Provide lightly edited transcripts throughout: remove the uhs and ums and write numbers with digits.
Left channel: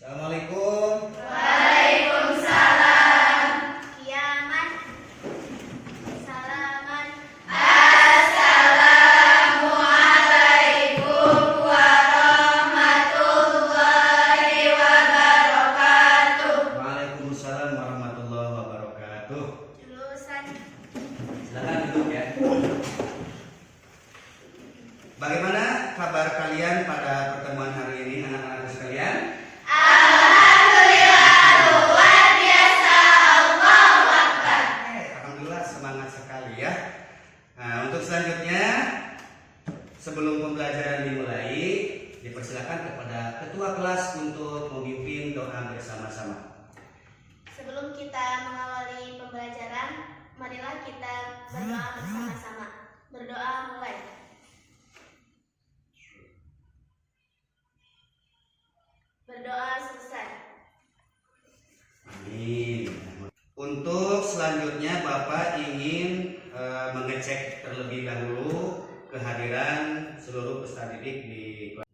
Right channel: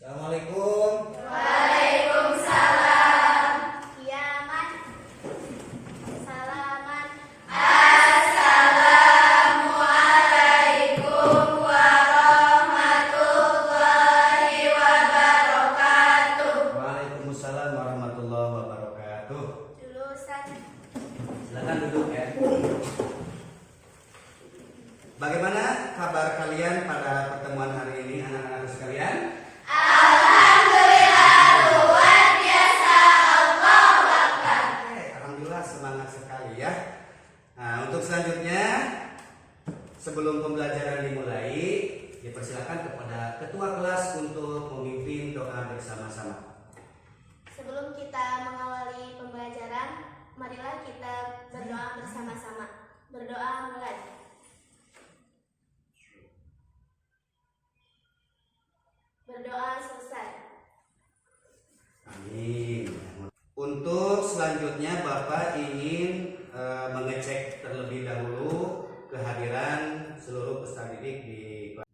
Assalamualaikum. Waalaikumsalam. Kiaman. Salaman. Assalamualaikum warahmatullahi wabarakatuh. Waalaikumsalam warahmatullahi wabarakatuh. Jurusan. Silakan duduk ya. Bagaimana kabar kalian pada pertemuan hari ini, anak-anak sekalian? Alhamdulillah, semangat sekali ya. Nah, untuk selanjutnya, sebelum pembelajaran dimulai, dipersilakan kepada ketua kelas untuk memimpin doa bersama-sama. Sebelum kita mengawali pembelajaran, marilah kita berdoa bersama-sama. Berdoa mulai. Berdoa selesai. Amin. Untuk selanjutnya Bapak ingin mengecek terlebih dahulu kehadiran seluruh peserta didik di kelas.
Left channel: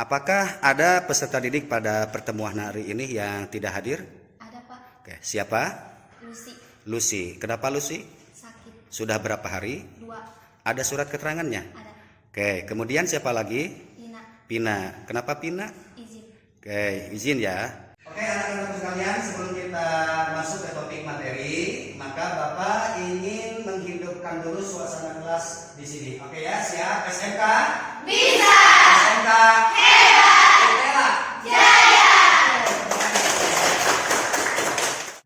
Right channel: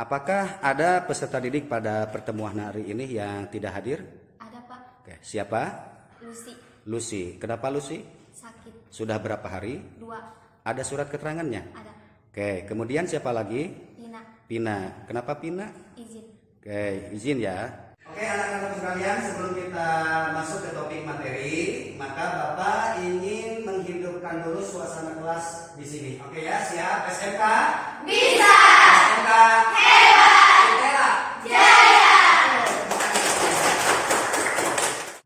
Apakah ada peserta didik pada pertemuan hari ini yang tidak hadir? Ada, Pak. Oke, siapa? Lucy. Lucy. Kenapa Lucy? Sakit. Sudah berapa hari? 2. Ada surat keterangannya? Ada. Oke, kemudian siapa lagi? Ina. Pina. Kenapa Pina? Izin. Oke, izin ya. Oke, anak-anak sekalian, sebelum kita masuk ke topik materi, maka Bapak ingin menghidupkan dulu suasana kelas di sini. Oke ya, siap? SMK? Bisa. SMK? Hebat. Jaya.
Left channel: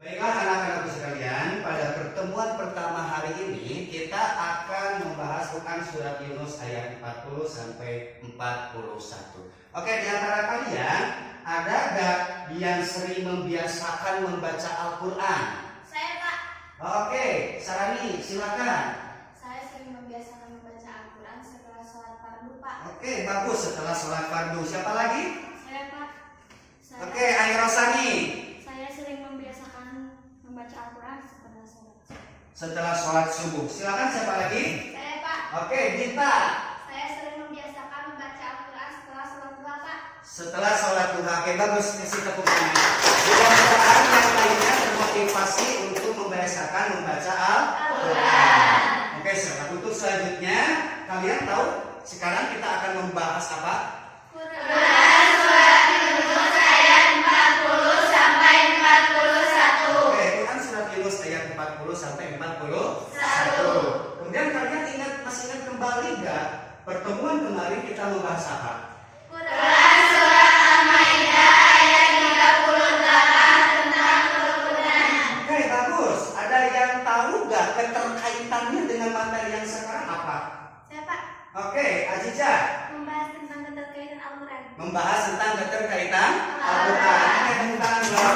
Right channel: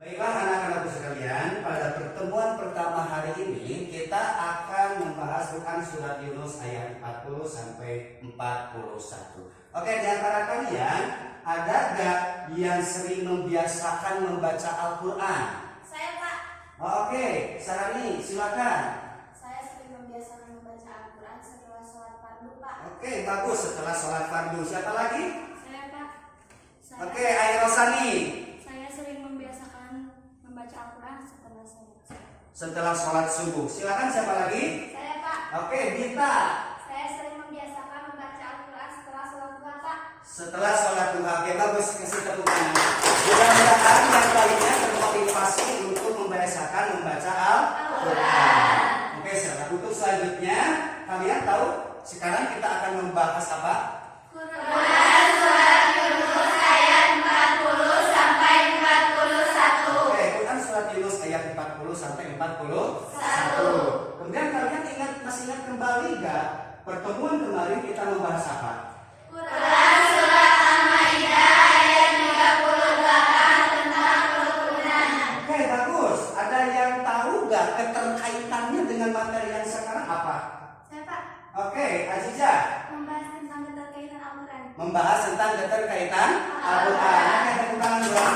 Baiklah anak-anak sekalian, pada pertemuan pertama hari ini kita akan membahas Quran surat Yunus ayat 40 sampai 41. Oke, di antara kalian ada gak yang sering membiasakan membaca Al-Quran? Saya, Pak. Oke, Sarani silakan. Saya sering membiasakan membaca Al-Quran setelah sholat fardu, Pak. Oke, bagus, setelah sholat fardu. Siapa lagi? Saya, Pak. Saya, Oke, Airosani. Saya sering membiasakan membaca Al-Quran setelah sholat subuh. Setelah sholat subuh. Silakan siapa lagi? Saya, Pak. Oke, Dita. Saya sering membiasakan membaca Al-Quran setelah sholat duha, Pak. Setelah sholat duha. Oke, bagus, kasih tepuk tangan. Mudah-mudahan yang lainnya termotivasi untuk membiasakan membaca Al-Quran. Oke, untuk selanjutnya kalian tahu sekarang kita akan membahas apa? Quran surat Yunus ayat 40 sampai 41. Oke, Quran surat Yunus ayat 40 sampai 41. Kemudian kalian masih ingat kembali nggak pertemuan kemarin kita membahas apa? Quran surat Al-Maidah ayat 38 tentang kerukunan. Oke, bagus. Ada yang tahu nggak keterkaitannya dengan materi yang sekarang apa? Saya, Pak, Oke, Aziza. membahas tentang keterkaitan Al-Quran. Membahas tentang keterkaitan Al-Quran. Oke, tepuk tangan buat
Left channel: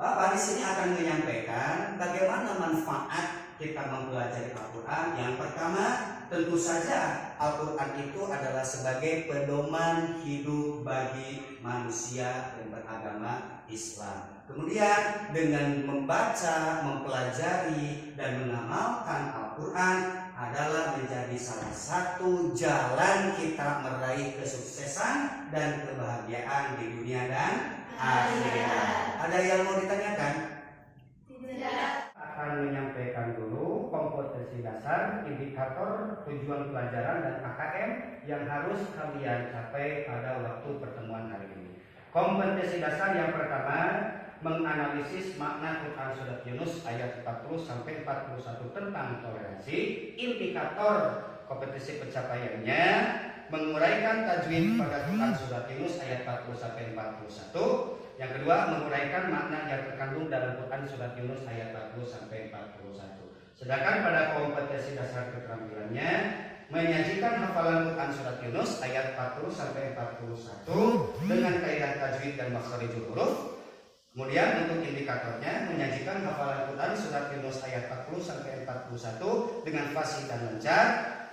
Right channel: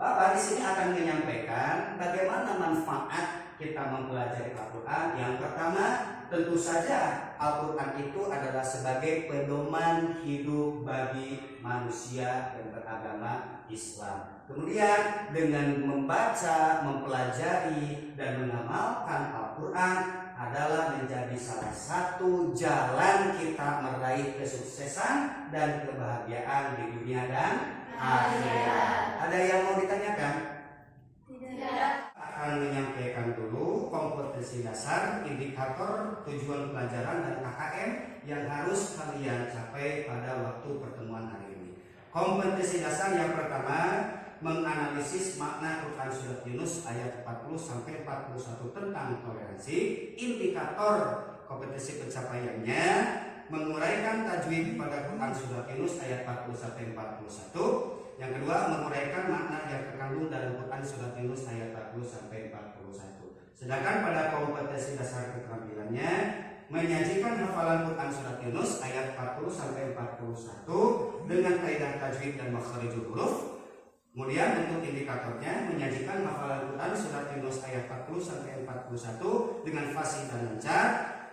Bapak di sini akan menyampaikan bagaimana manfaat kita mempelajari Al-Quran. Yang pertama, tentu saja Al-Quran itu adalah sebagai pedoman hidup bagi manusia yang beragama Islam. Kemudian dengan membaca, mempelajari, dan mengamalkan Al-Quran adalah menjadi salah satu jalan kita meraih kesuksesan dan kebahagiaan di dunia dan akhirat. Ada yang mau ditanyakan? Tidak. Akan menyampaikan dulu kompetensi dasar, indikator, tujuan pelajaran, dan KKM yang harus kalian capai pada waktu pertemuan hari ini. Kompetensi dasar yang pertama, menganalisis makna Quran surat Yunus ayat 40 sampai 41 tentang toleransi. Indikator kompetensi pencapaiannya, menguraikan tajwid pada Quran surat Yunus ayat 40 sampai 41. Yang kedua, menguraikan makna yang terkandung dalam Quran surat Yunus ayat 40 sampai 41. Sedangkan pada kompetensi dasar keterampilannya, menyajikan hafalan Quran surat Yunus ayat 40 sampai 41 dengan kaidah tajwid dan makharijul huruf. Kemudian untuk indikatornya, menyajikan hafalan Quran surat Yunus ayat 40 sampai 41 dengan fasih dan lancar.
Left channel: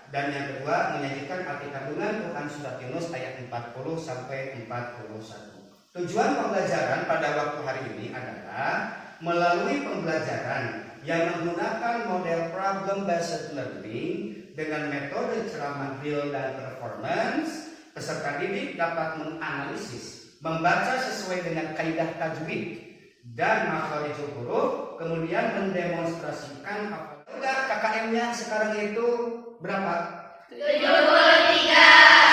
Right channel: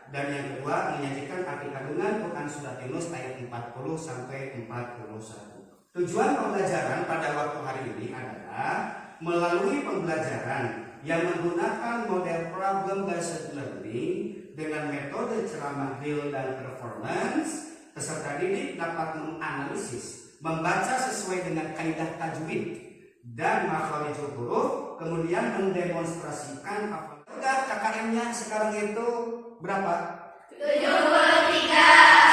Dan yang kedua, menyajikan arti kandungan Quran surat Yunus ayat 40 sampai 41. Tujuan pembelajaran pada waktu hari ini adalah melalui pembelajaran yang menggunakan model problem based learning dengan metode ceramah real dan performance, peserta didik dapat menganalisis, membaca sesuai dengan kaidah tajwid dan makharijul huruf, kemudian mendemonstrasikan apa. Udah, KKM-nya sekarang itu berapa? 73.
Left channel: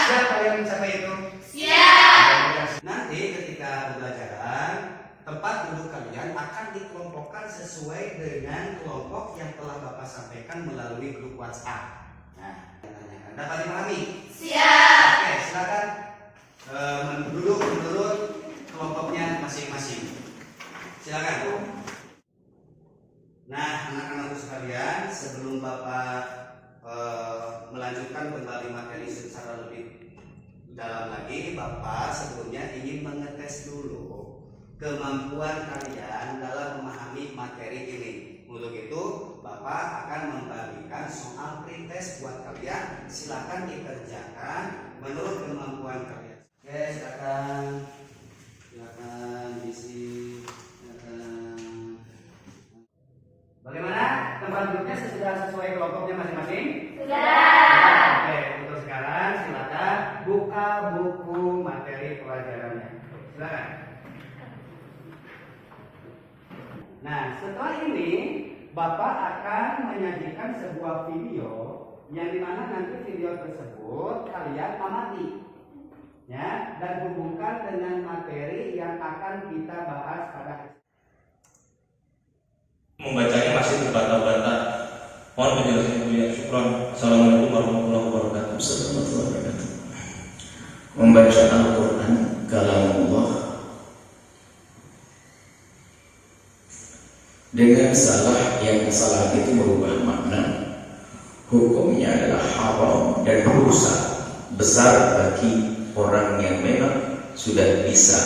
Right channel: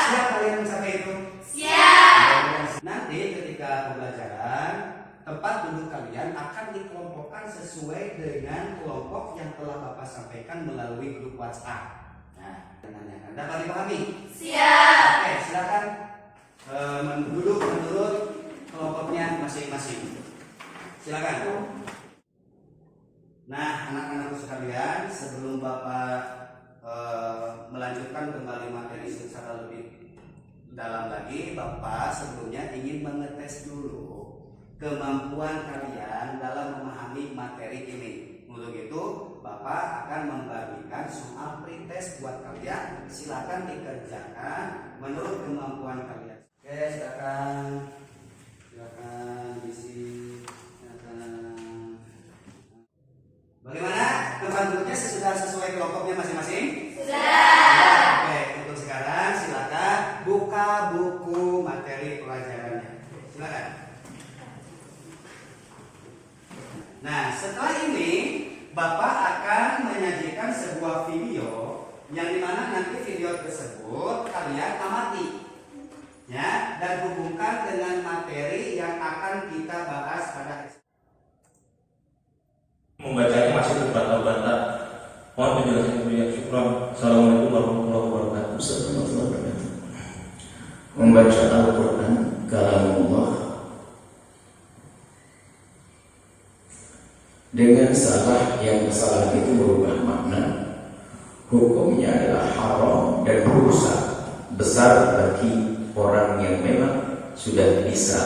Siapa yang mencapai itu? Siap. Nanti ketika pembelajaran, tempat duduk kalian akan dikelompokkan sesuai dengan kelompok yang telah Bapak sampaikan melalui grup WhatsApp. Nah, menanyakan dapat dipahami? Siap. Oke, silakan duduk menurut kelompoknya masing-masing. Silakan. Nah, anak-anakku sekalian, sebelum Bapak melanjutkan kembali materi secara lebih dalam lagi, Bapak sebelumnya ingin mengetes dulu kemampuan kalian dalam memahami materi ini. Untuk itu, Bapak akan membagikan soal pretest buat kalian. Silakan dikerjakan menurut kemampuan kalian. Oke, silakan. Silakan diisi. Bagaimana? Tempat duduknya sudah sesuai kelompoknya masing-masing? Sudah. Oke, untuk sekarang silakan buka buku materi pelajarannya. Silakan. Nah, setelah ini Bapak akan menyajikan sebuah video yang dimana nanti video tersebut kalian amati, ya, dan hubungkan dengan materi yang akan kita bahas pada membacanya masih terbata-bata. Mohon penjelasan yang syukran. Assalamualaikum warahmatullahi wabarakatuh. Membaca Al-Quran kalamullah dengan salah, yang kesalahan itu merubah makna, hukumnya adalah haram dan dosa besar bagi orang yang memang sudah bisa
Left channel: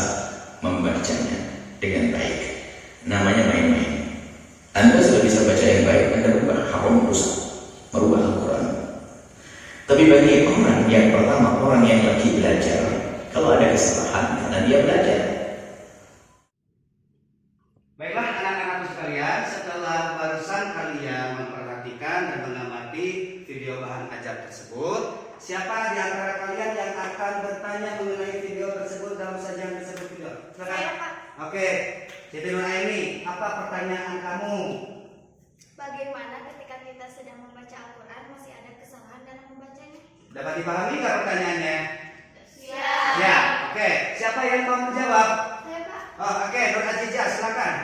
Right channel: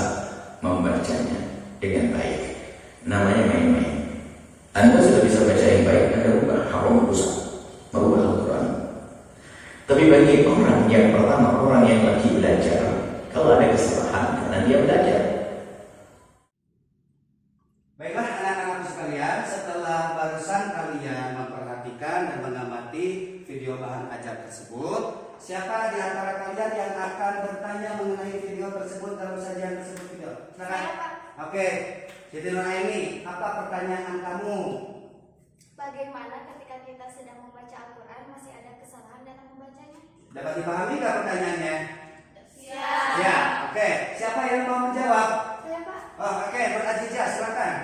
membacanya dengan baik. Namanya main-main. Anda sudah bisa baca yang baik, Anda rubah haram dosa, merubah Al-Quran. Tapi bagi orang yang pertama, orang yang lagi belajar, kalau ada kesalahan karena dia belajar. Baiklah anak-anakku sekalian, setelah barusan kalian memperhatikan dan mengamati video bahan ajar tersebut, siapa di antara kalian yang akan bertanya mengenai video tersebut dalam sajian tersebut juga? Saya, Pak. Oke, Siti Nuraini, apa pertanyaan kamu? Bagaimana ketika kita sedang membaca Al-Quran masih ada kesalahan dalam membacanya? Dapat dipahami nggak pertanyaannya? Siap. Ya, oke. Siapa yang mau menjawab? Saya, Pak. Oh, oke, Nur Aziza, silakan.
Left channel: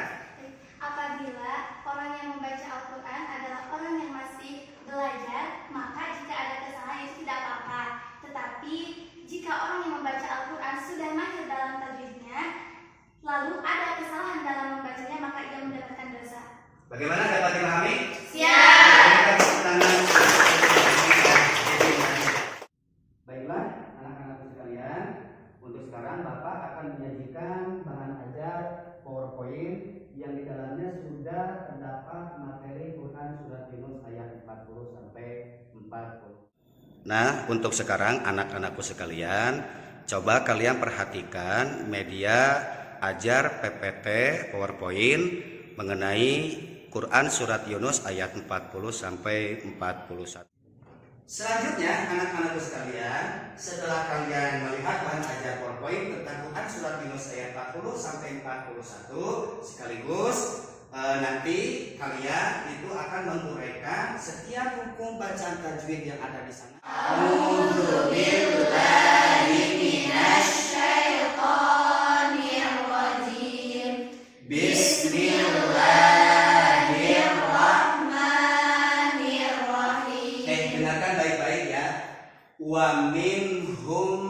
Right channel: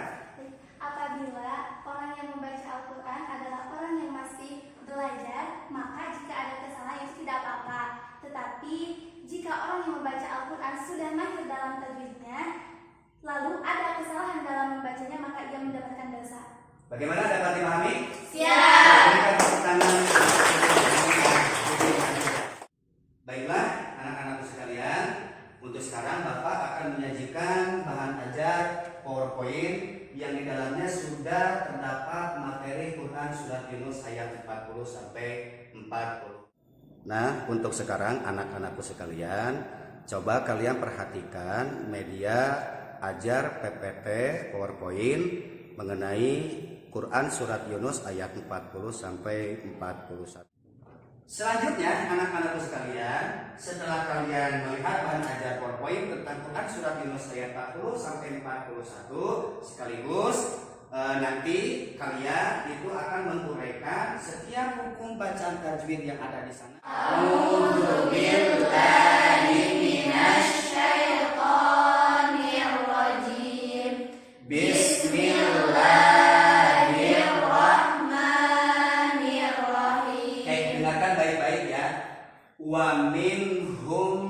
Apabila orang yang membaca Al-Quran adalah orang yang masih belajar, maka jika ada kesalahan itu tidak apa-apa. Tetapi jika orang yang membaca Al-Quran sudah mahir dalam tajwidnya, lalu ada kesalahan dalam membacanya, maka ia mendapatkan dosa. Bagaimana, dapat dipahami? Siap. Baiklah, anak-anakku sekalian, untuk sekarang Bapak akan menyajikan bahan ajar PowerPoint yang di dalamnya sudah terdapat materi Quran Surat Yunus ayat 40 sampai 40. Nah, untuk sekarang anak-anakku sekalian, coba kalian perhatikan media ajar PPT PowerPoint mengenai Quran Surat Yunus ayat 40 sampai 41. Selanjutnya anak-anakku sekalian, setelah kalian melihat bahan ajar PowerPoint tentang Quran Surat Yunus ayat 40 sampai 41, sekaligus nanti kalian itu akan menguraikan setiap hukum bacaan tajwid yang ada di sana. Bismillahirrahmanirrahim. Dengarkan baik-baik ya. Wa minhum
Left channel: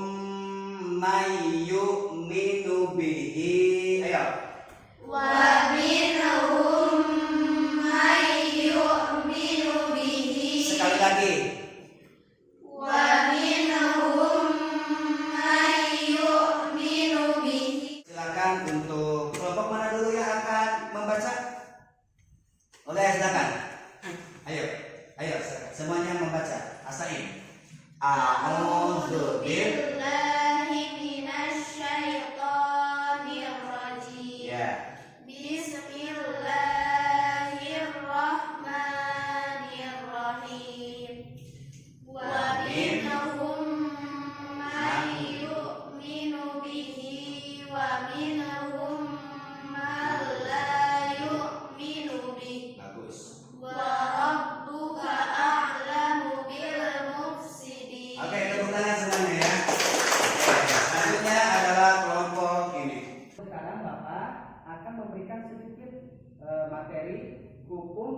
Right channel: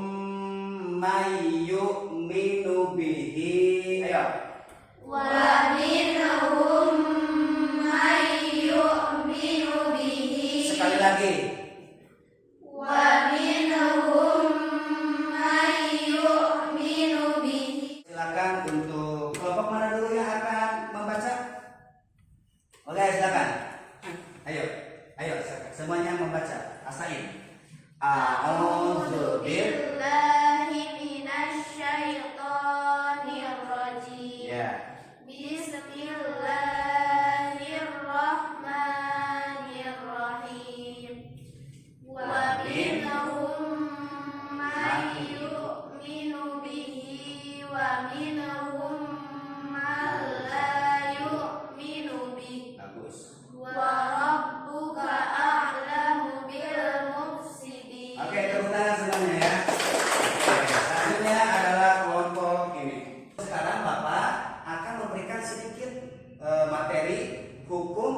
may yu'minu bihi. Ayo. Wa minhum may yu'minu bihi. Sekali lagi. Wa minhum may yu'minu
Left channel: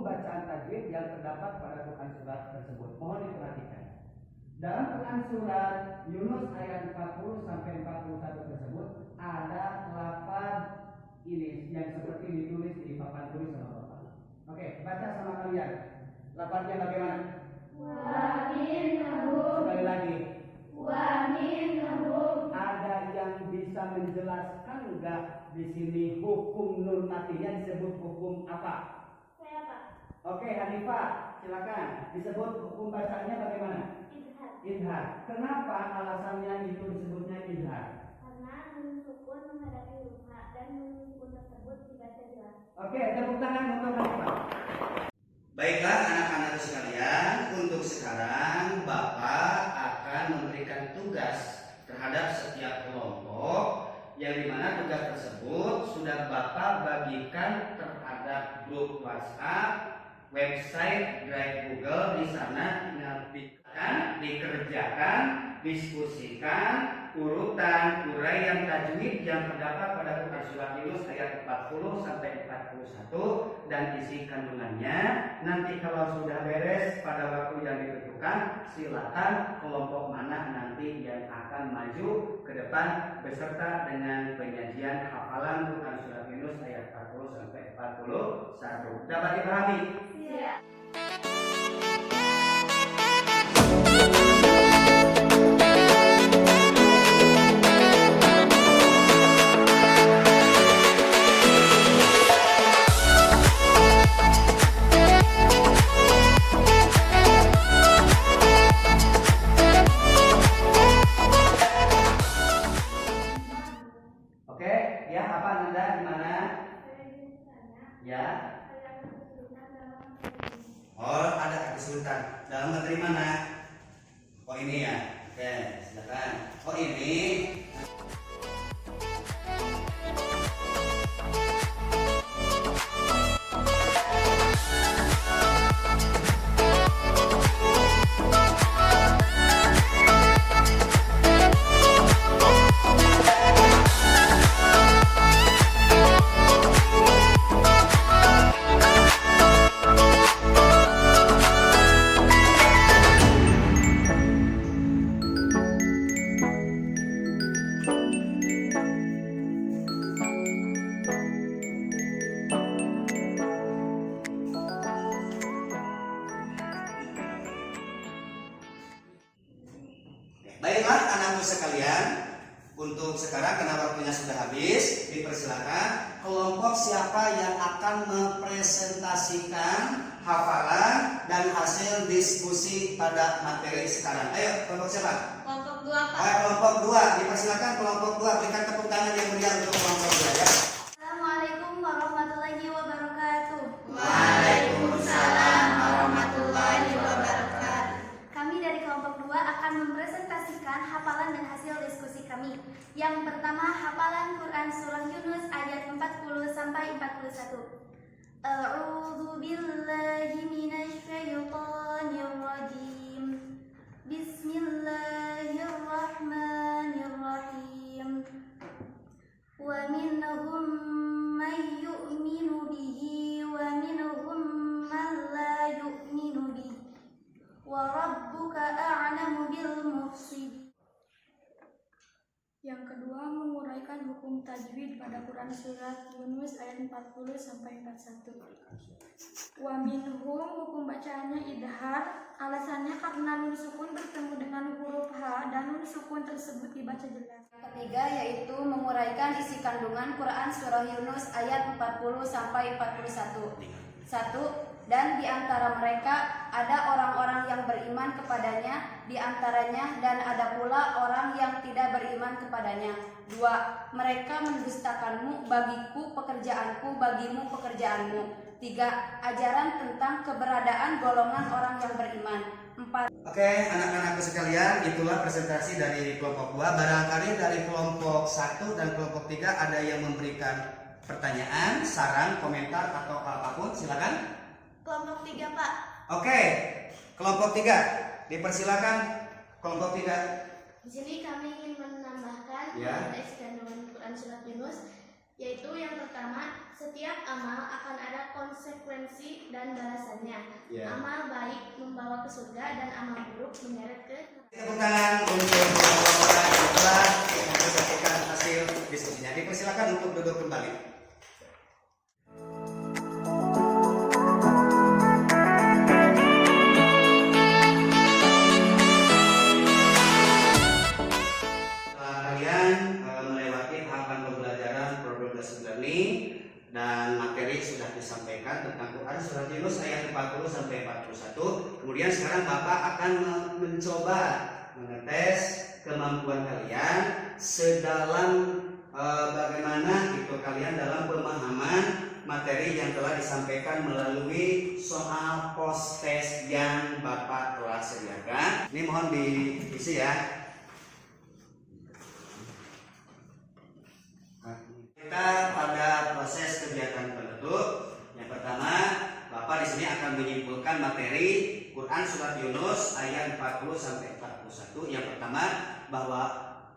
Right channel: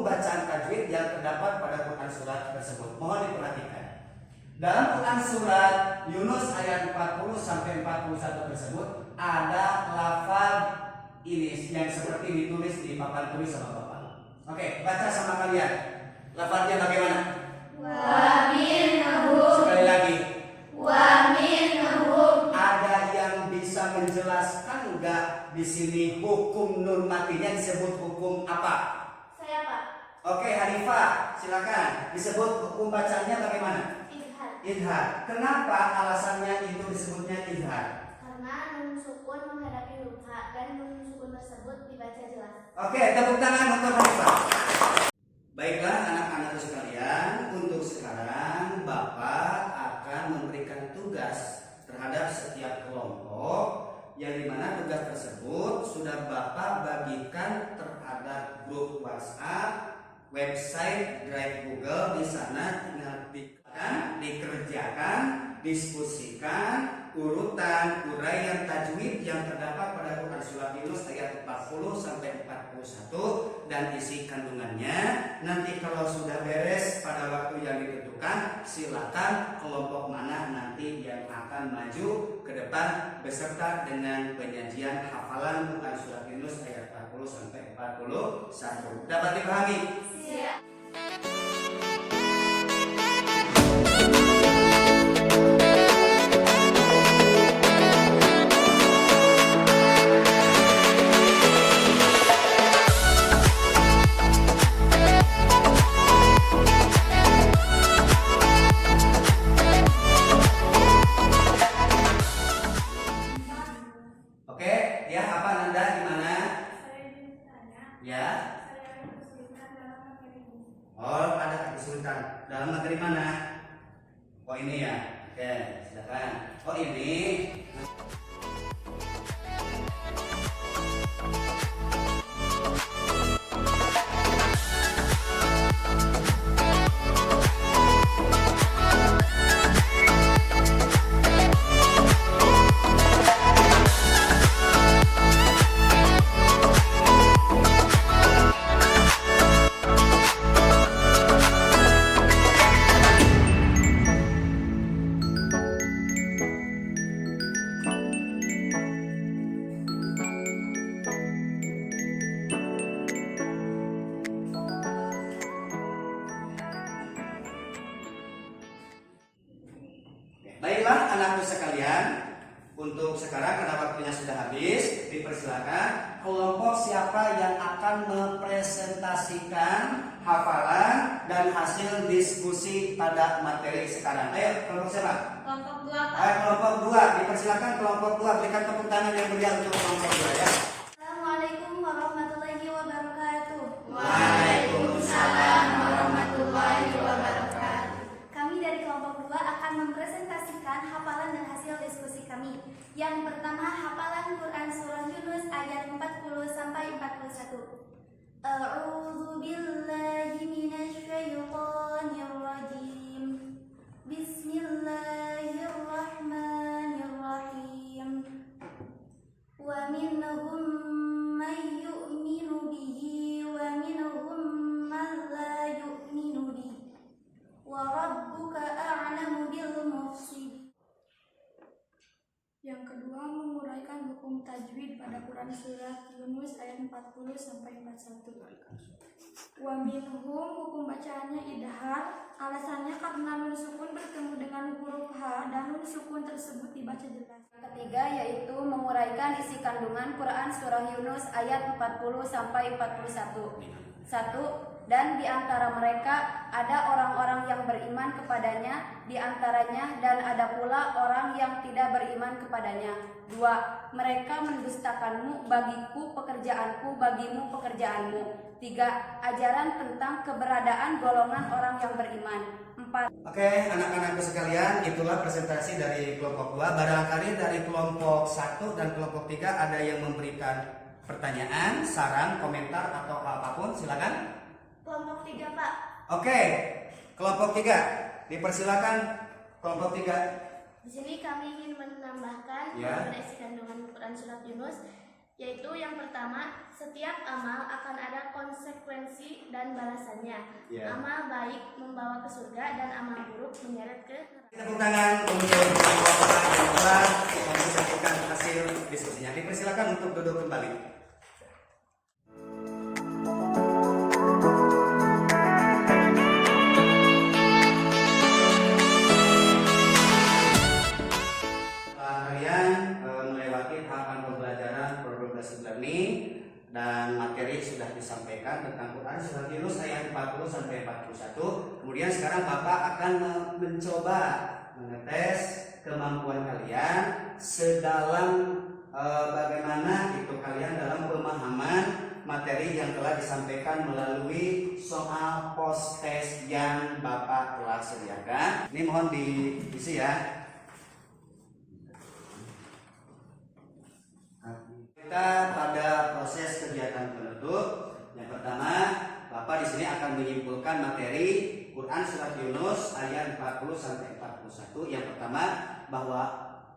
bacaan tajwid yang terdapat pada Quran surat tersebut. Mohon diperhatikan. Dalam Quran surat Yunus ayat 40 sampai 41 tersebut ada lafaz ini yang seperti ditulis di papan tulis sama Bapak. Oke, baca sama kalian. Lafaznya bagaimana? Wa minhum. Sekali lagi. Wa minhum. Ada yang bisa menjelaskan enggak di sini hukum nun matinya disebut hukum apa? Saya Pak. Oke, Hanifah, silakan. Disebut hukum bacanya bagaimana? Idhar. Idhar. Kenapa alasannya itu disebutnya idhar? Karena nun sukun menghadapi huruf H dan nun sukun tersebut dibaca jelas. Oke, tepuk tangan untuk Hanifah. Baiklah anak-anakku sekalian, untuk sekarang Bapak akan memberikan tugas terhadap setiap kelompok yang dimana tugas tersebut sudah Bapak bagikan terhadap grup WhatsApp, website, Drive Google. Di sana tinggal dikerjakan, diskusikan urutan uraian tajwid yang terdapat pada Quran surat Yunus ayat 40 sampai 41 dan isi kandungannya. Nanti kalau sudah beres pada waktu yang ditentukan, silakan kelompok mana nanti yang akan maju ke depan beserta dengan penyajian hafalan Quran surat Yunus ayat 40 sampai 41. Dapat dipahami? Siap. Oke, ya apa Nanda gimana? Saya ingin bertanya. Ya. Saya ada kesulitan dalam materi ini. Oh, ada kesulitan dalam materi mana? Oh ini ya. Oke, silakan. Oh ini. Baiklah anakku sekalian, untuk sekarang karena waktunya sudah habis, dipersilakan kelompok siapa yang akan mempresentasikan hafalan dan hasil diskusi pada materi sekarang. Ayo, kelompok siapa? Kelompok 2 Pak. Ayo, kelompok 2, dipersilakan kelompok 2, berikan tepuk tangan yang meriah untuk kelompok 2 ya. Assalamualaikum warahmatullahi wabarakatuh. Waalaikumsalam warahmatullahi wabarakatuh. Kami dari kelompok 2 akan mempresentasikan hafalan dan hasil diskusi kami. Yang pertama, hafalan Quran surah Yunus ayat 40 sampai 41. A'udzu billahi minasy syaithanir rajim. Bismillahirrahmanirrahim. Wa minhum may yu'minu bihi wa minhum man la yu'minu bihi. Wa rabbuka a'lamu bil mufsidin. Yang kedua, menguraikan hukum tajwid pada Quran surat Yunus ayat 40 sampai 41. Wa minhum, hukum bacaannya idhar. Alasannya karena nun sukun bertemu dengan huruf H dan nun sukun tersebut dibaca jelas. Yang ketiga yaitu menguraikan isi kandungan Quran surah Yunus ayat 40 sampai 41. 1. Dan di antara mereka ada orang-orang yang beriman kepadanya, di antaranya dan ada pula orang yang tidak beriman kepadanya. 2. Mereka mendustakanmu, bagiku pekerjaanku, bagimu pekerjaanmu. 3. Ajaran tentang keberadaan golongan orang yang beriman. 4. Oke, anak-anakku sekalian, itulah presentasi dari kelompok 2. Barangkali dari kelompok 1 dan kelompok 3 ada yang memberikan pertanyaan, saran, komentar atau apapun, silakan. Kelompok 3 Pak. Oke, kelompok 3, dipersilakan kelompok 3. Di sini kami ingin menambahkan Ya. pada isi kandungan Quran surat Yunus, yaitu yang pertama, setiap amal akan ada konsekuensi konsekuensi dan balasannya. Ya. Amal baik membawa ke surga dan amal buruk menyeret ke neraka. Tepuk tangan untuk semua orang yang telah mempresentasikan hasil diskusinya. Dipersilakan untuk duduk kembali. Setelah kalian melewati tahapan pembelajaran progress learning dan materi sudah disampaikan tentang Quran surat Yunus ayat 40 sampai 41. Kemudian sekarang Bapak akan mencoba mengetes kemampuan kalian sedalam bagaimana itu kalian dalam pemahaman materi yang telah disampaikan melalui soal post test yang Bapak telah sediakan. Ini mohon diisi ya. Kita pada proses kegiatan penutup. Yang pertama, Bapak di sini akan menyimpulkan materi Quran surat Yunus ayat 40 sampai 41. Yang pertama, bahwa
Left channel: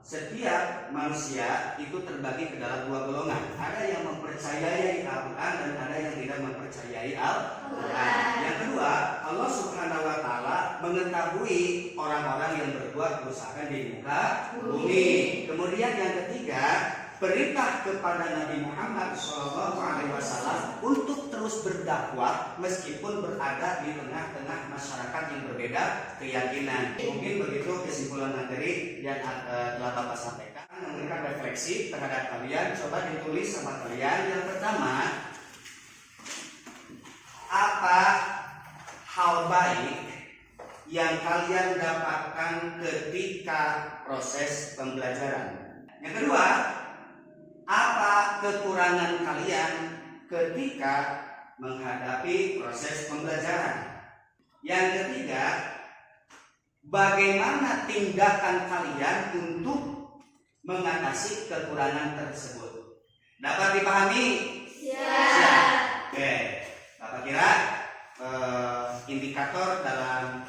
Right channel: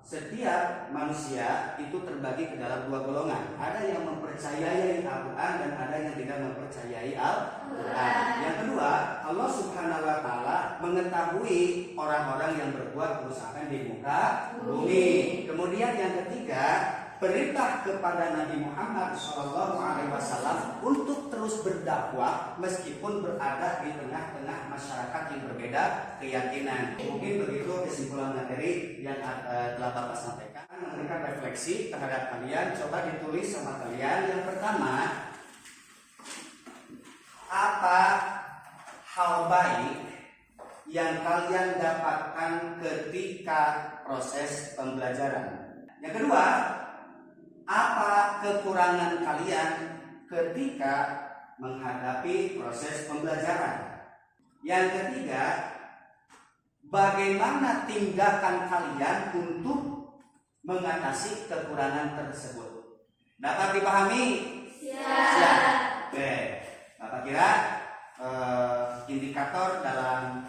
setiap manusia itu terbagi ke dalam dua golongan. Ada yang mempercayai Al-Quran dan ada yang tidak mempercayai Al-Quran. Yang kedua, Allah Subhanahu wa Ta'ala mengetahui orang-orang yang berbuat kerusakan di muka bumi. Kemudian yang ketiga, perintah kepada Nabi Muhammad SAW untuk terus berdakwah meskipun berada di tengah-tengah masyarakat yang berbeda keyakinan. Mungkin begitu kesimpulan materi yang telah Bapak sampaikan. Memberikan refleksi terhadap kalian. Coba ditulis sama kalian. Yang pertama, apa hal baik yang kalian dapatkan ketika proses pembelajaran? Yang kedua, apa kekurangan kalian ketika menghadapi proses pembelajaran? Yang ketiga, bagaimana tindakan kalian untuk mengatasi kekurangan tersebut? Dapat dipahami? Siap. Oke. Bapak kira indikator dalam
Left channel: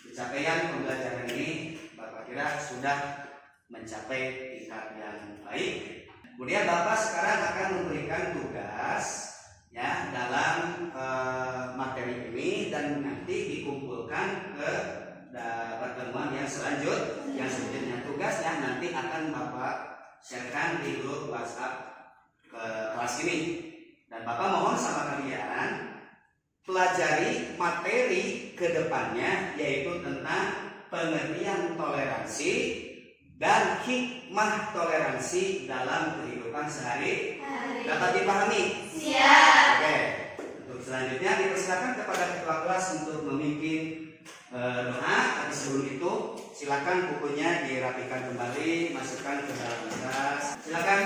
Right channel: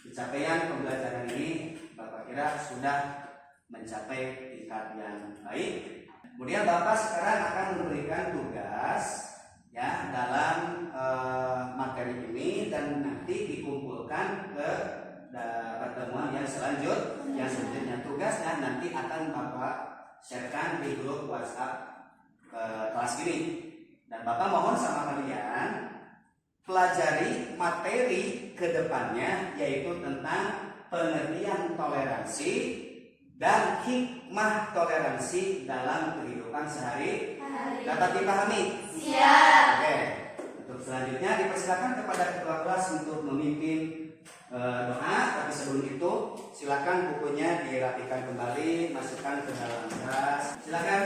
pencapaian pembelajaran ini Bapak kira sudah mencapai tingkat yang baik? Kemudian Bapak sekarang akan memberikan tugas ya dalam materi ini dan nanti dikumpulkan ke pertemuan yang selanjutnya. Tugasnya nanti akan Bapak sharekan di grup WhatsApp kelas ini. Dan Bapak mohon sama kalian pelajari materi ke depannya yaitu tentang pengertian toleransi dan hikmah toleransi dalam kehidupan sehari-hari. Dapat dipahami? Siap. Oke. Untuk selanjutnya dipersilakan kepada ketua kelas untuk memimpin doa. Tapi sebelum itu silakan bukunya dirapikan kembali, masukkan ke dalam kelas. Silakan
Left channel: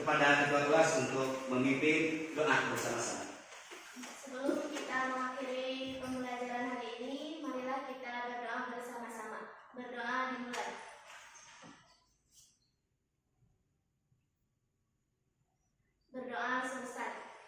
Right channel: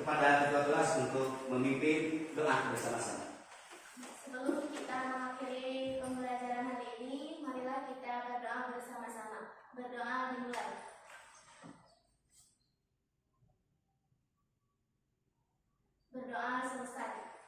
kepada ketua kelas untuk memimpin doa bersama-sama. Sebelum kita mengakhiri pembelajaran hari ini, marilah kita berdoa bersama-sama. Berdoa dimulai. Berdoa selesai.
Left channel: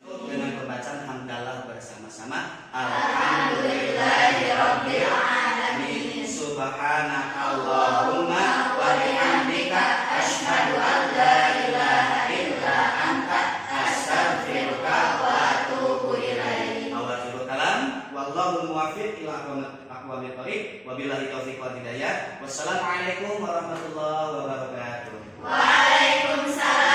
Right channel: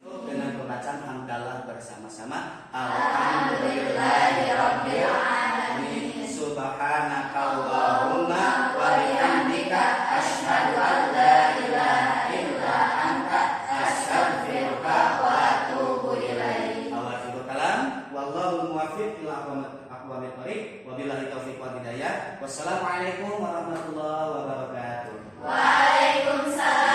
Dengan pembacaan hamdalah bersama-sama. Alhamdulillahirabbil alamin. Subhanakallahumma wa bihamdika asyhadu an la ilaha illa anta astaghfiruka wa atubu ilaik. Awalul kalam wallahu muwaffiq ila aqwamit thoriq wa billahi taufiq wal hidayah. Wassalamualaikum warahmatullahi wabarakatuh. Waalaikumsalam.